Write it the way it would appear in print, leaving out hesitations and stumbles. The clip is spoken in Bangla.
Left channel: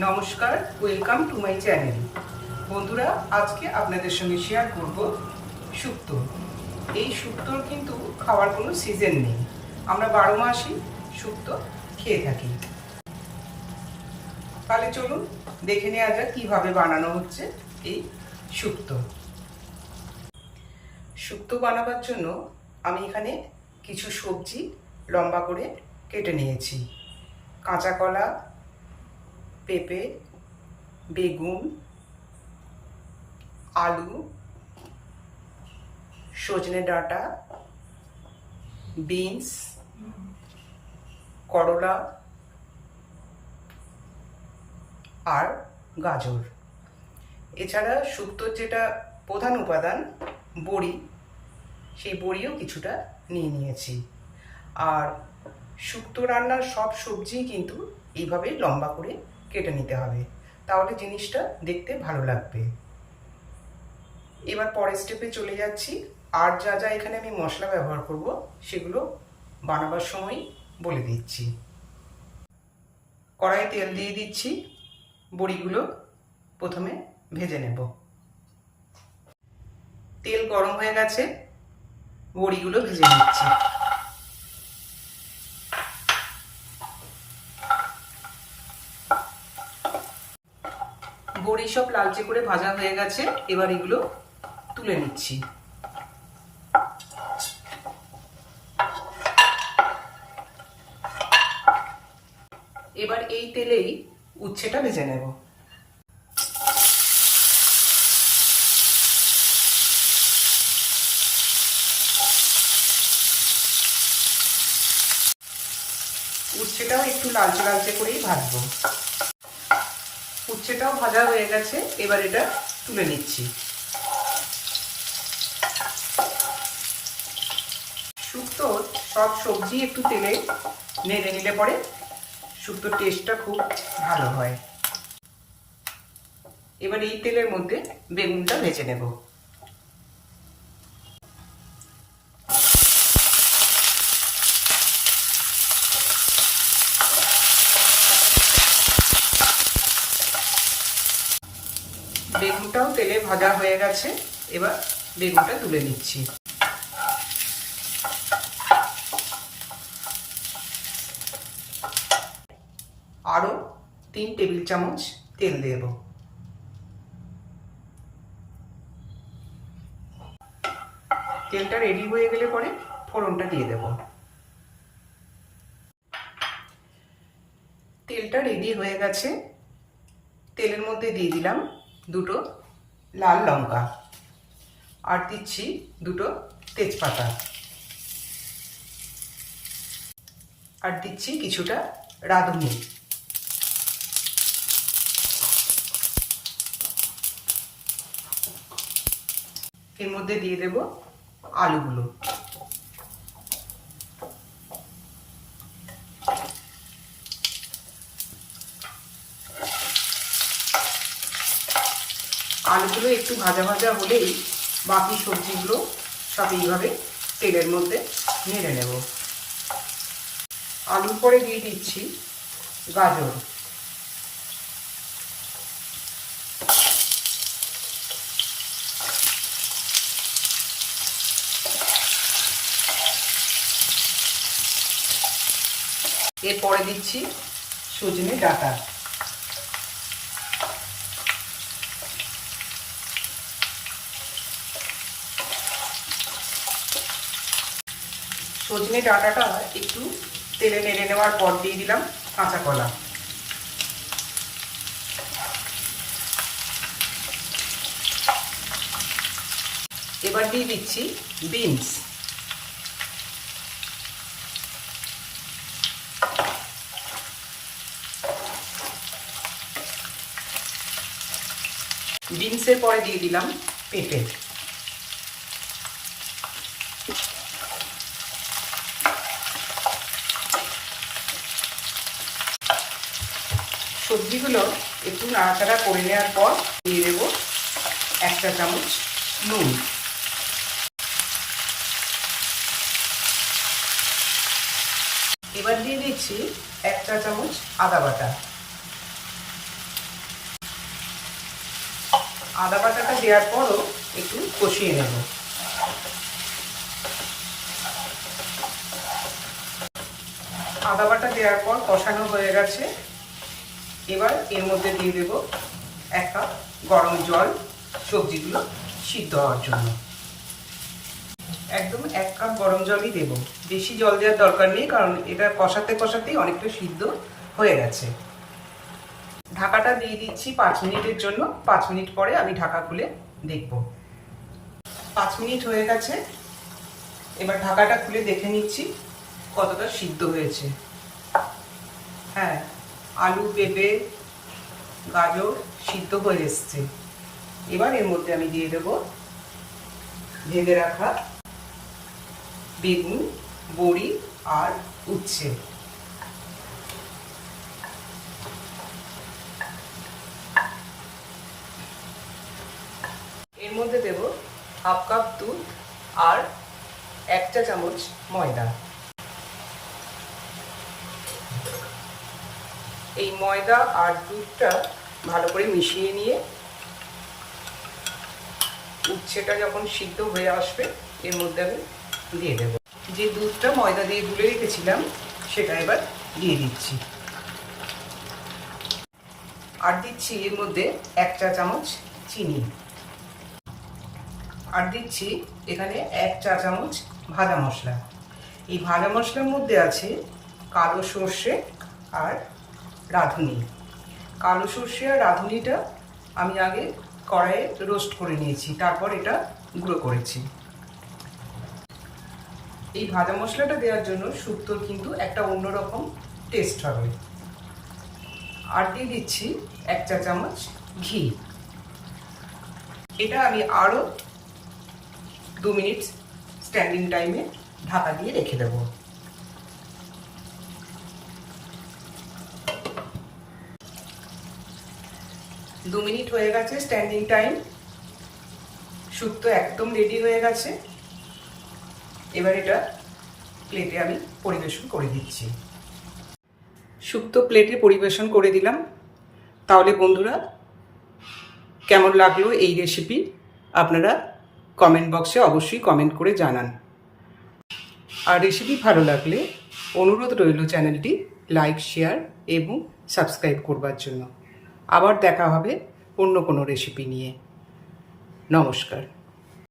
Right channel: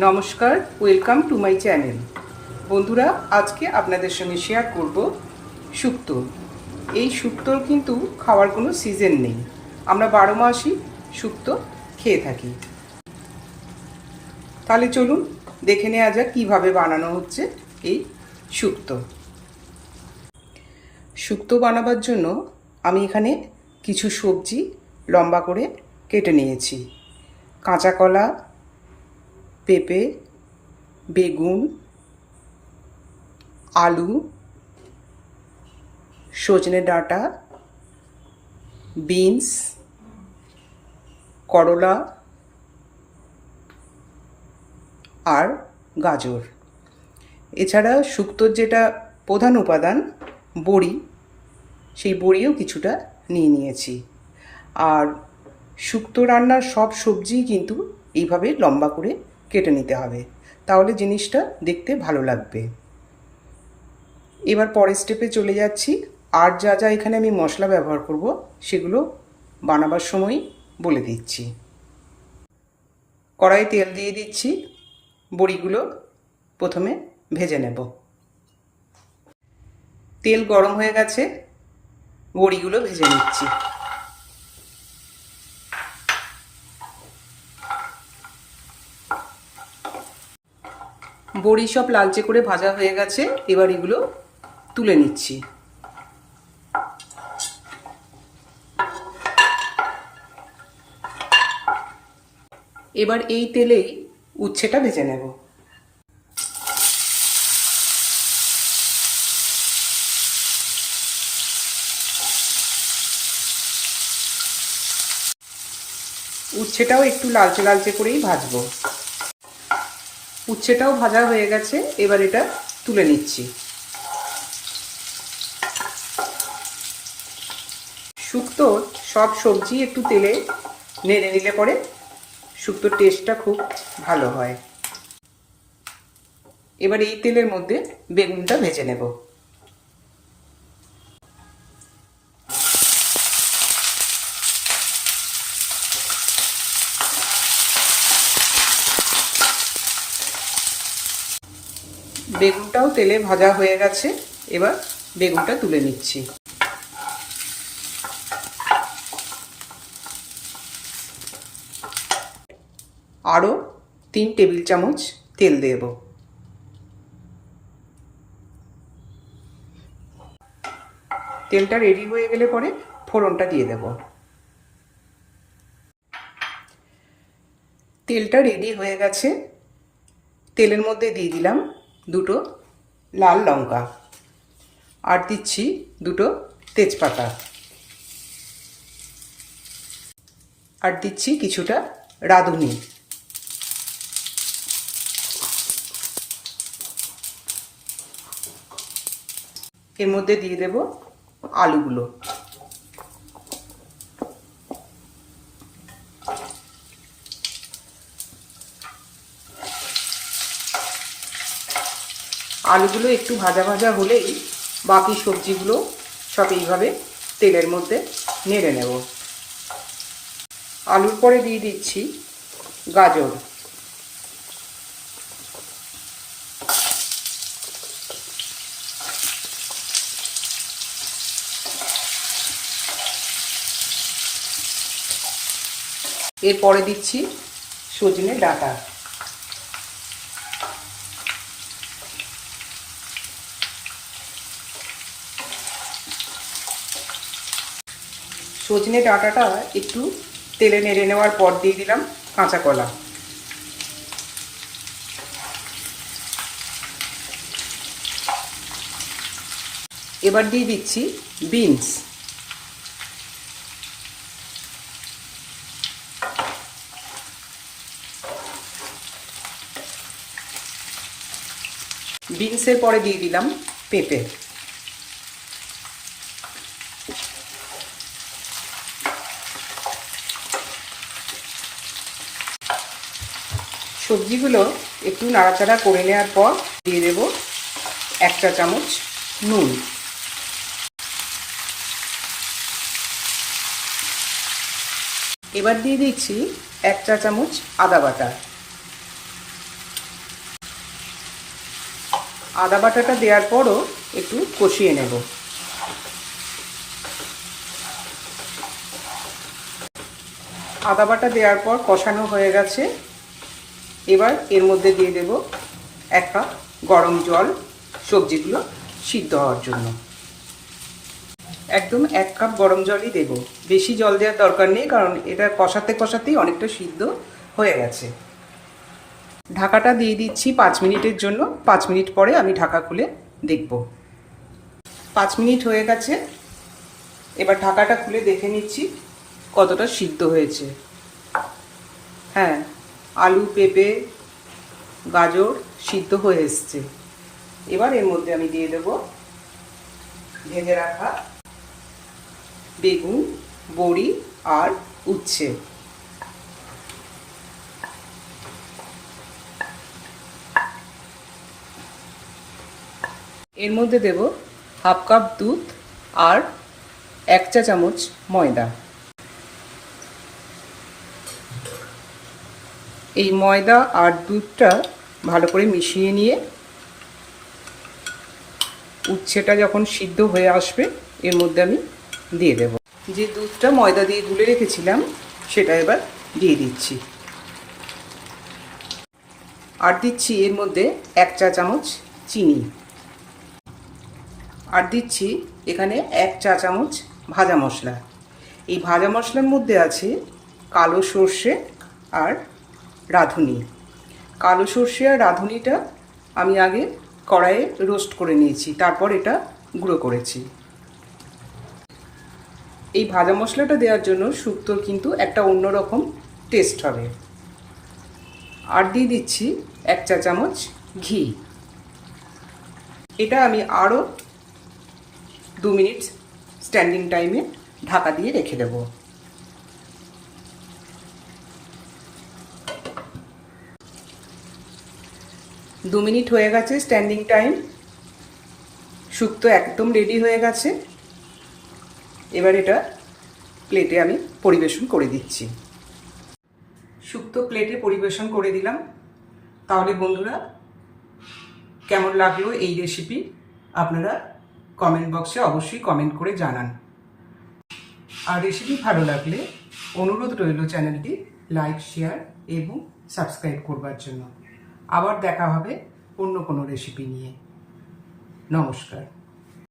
নমস্কার, ওয়েলকাম টু মাই চ্যানেল। বন্ধুরা, আজকে আপনাদের সঙ্গে শেয়ার করব শুক্তো। এই শুক্তোর কিন্তু খাওয়ার কোনো সিজন নেই, আমরা 12 মাসই শুক্তো খেয়ে থাকি। তাহলে চলুন দেখে নেওয়া যাক কীভাবে বানানো হচ্ছে এই শুক্তো। শুক্তো বানাবার জন্য আমি এখানে কিছু সবজি লম্বা করে কেটে নিয়েছি। কাঁচা কলা, পেঁপে, বেগুন, আলু, সজনে ডাঁটা, বিনস, করলা আর গাজর। এছাড়া শুক্তোর যেটা প্রধান উপাদান বড়ি, সেই বড়িও কিছুটা নিয়ে নিয়েছি। আর শুক্তো রান্নার সব সবজিই কিন্তু এইভাবে লম্বা করে কেটে নিতে হবে, তাহলে জিনিসটা দেখতে ভালো লাগবে। এবার পরের স্টেপে চলে যাচ্ছি। আর যা যা এখানে আমি মশলা ব্যবহার করব সেগুলো বানাবার সময় বলে দিচ্ছি। কড়াই তেল দিয়ে দিচ্ছি, বড়িগুলো প্রথমে ভেজে নেব। তেল গরম হয়ে গেছে, বড়িগুলো ভেজে নিচ্ছি। বড়ি সব লালচে করে ভাজা হয়ে গেছে, এবার এগুলো তুলে নিচ্ছি। এবার এই তেলেই উচ্ছেটা ভেজে নেব। উচ্ছেটাও একটু লালচে লালচে করেই ভাজবো। উচ্ছেটাও ভাজা হয়ে গেছে, এবার এটা তুলে নিচ্ছি। শুক্তোর সব সবজি একটু তেলে নেড়ে নিলে পরে শুক্তোর টেস্টটা খুব ভালো হয়। এবার এই তেলের মধ্যে বেগুনটা ভেজে নেব। বেগুনটাও তেলে ভাজা হয়ে গেছে, এবার বেগুনটা তুলে নিচ্ছি। আরও 3 টেবিল চামচ তেল দেব। তেলটা রেডি হয়ে গেলে পরে ফোড়নটা দিয়ে দেব। তেলটা রেডি হয়ে গেছে, তেলের মধ্যে দিয়ে দিলাম 2টো লাল লঙ্কা, আর দিচ্ছি 2টো তেজপাতা, আর দিচ্ছি কিছুটা রাঁধুনি। এর মধ্যে দিয়ে দেব আলুগুলো। আলুগুলো একটু ভাজা ভাজা হলেই বাকি সবজিগুলো সব এইভাবে তেলের মধ্যে নেড়ে নেব। আলুর পরে দিয়ে দিচ্ছি গাজর। এরপরে দিচ্ছি সজনে ডাঁটা। সজনে ডাঁটাটা একটু তেলে নেড়ে নেওয়ার পর দিয়ে দিলাম কাঁচা কলা। এবার দিয়ে দিচ্ছি বিনস। বিনসের পরে দিয়ে দিলাম পেঁপে। সবজিগুলো একটু নাড়াচাড়া করে নেওয়ার পর দিয়ে দেব 1 চা চামচ নুন। এবার দিয়ে দিচ্ছি 1 চা চামচ আদা বাটা। আদা বাটাটা দেওয়ার পরও একটু কষিয়ে নেব। আদা বাটা দেওয়ার পর কষানো হয়ে গেছে। এবার এর মধ্যে দিয়ে দেব 1 কাপ গরম জল সবজিগুলো সিদ্ধ হওয়ার জন্য। একদম 1 কাপ গরম জলই দেব, বেশি জল দেওয়ার দরকার নেই, কারণ এটা কষাতে কষাতেই অনেকটা সিদ্ধ হয়ে গেছে। ঢাকাটা দিয়ে দিচ্ছি 5 মিনিটের জন্য। 5 মিনিট পরে আমি ঢাকা খুলে দেখব। 5 মিনিট হয়ে গেছে। এবার ঢাকাটা খুলে দেখে নিচ্ছি কতটা সিদ্ধ হয়েছে। হ্যাঁ, আলু, পেঁপে, গাজর সিদ্ধ হয়ে এসছে। এবার এর মধ্যে আমি দিয়ে দেব ভেজে রাখা বেগুন, বড়ি আর উচ্ছে। এর মধ্যে দেব 1/2 কাপ দুধ আর 1 চা চামচ ময়দা। এই ময়দা আর দুধটা ভালো করে মিশিয়ে নিয়ে উচ্ছেটা যখন সিদ্ধ হয়ে আসবে এর মধ্যে আমি দিয়ে দেব। যে দুধটা ময়দা দিয়ে গুলে রেখেছিলাম সেটা এবার দিয়ে দিচ্ছি। আর দিচ্ছি এর মধ্যে 1 চা চামচ চিনি। আর দিচ্ছি এখানে 1 চা চামচ ভাজা মশলা। এই ভাজা মশলার মধ্যে আছে কালো সর্ষে আর রাঁধুনি। কালো সর্ষে আর রাঁধুনিটা আমি আগে কড়াইয়ে রোস্ট করে নিয়েছি, তারপর এটা গুঁড়ো করেছি। এই ভাজা মশলাটা দেওয়ার জন্য শুক্তোর কিন্তু একটা অন্যরকম টেস্ট হবে। আর দিয়ে দিচ্ছি 1 চা চামচ ঘি। এটা আমি আরও 2 মিনিট স্ট্যান্ডিং টাইমে ঢাকা দিয়ে রেখে দেব। দু মিনিট হয়ে গেছে স্ট্যান্ডিং টাইম। শুক্তো একদম রেডি হয়ে গেছে। এবার এটা প্লেটে আমি পরিবেশন করে দিচ্ছি। শুক্তো প্লেটে পরিবেশন করে দিলাম। তাহলে বন্ধুরা, কেমন লাগলো এই রেসিপি আপনারা কমেন্ট বক্সে অবশ্যই কমেন্ট করে জানান। আর রেসিপি ভালো লাগলে অনুরোধ রইল চ্যানেলটি লাইক, শেয়ার এবং সাবস্ক্রাইব করবার জন্য। আবার দেখা হবে অন্য কোনো রেসিপি নিয়ে। নমস্কার।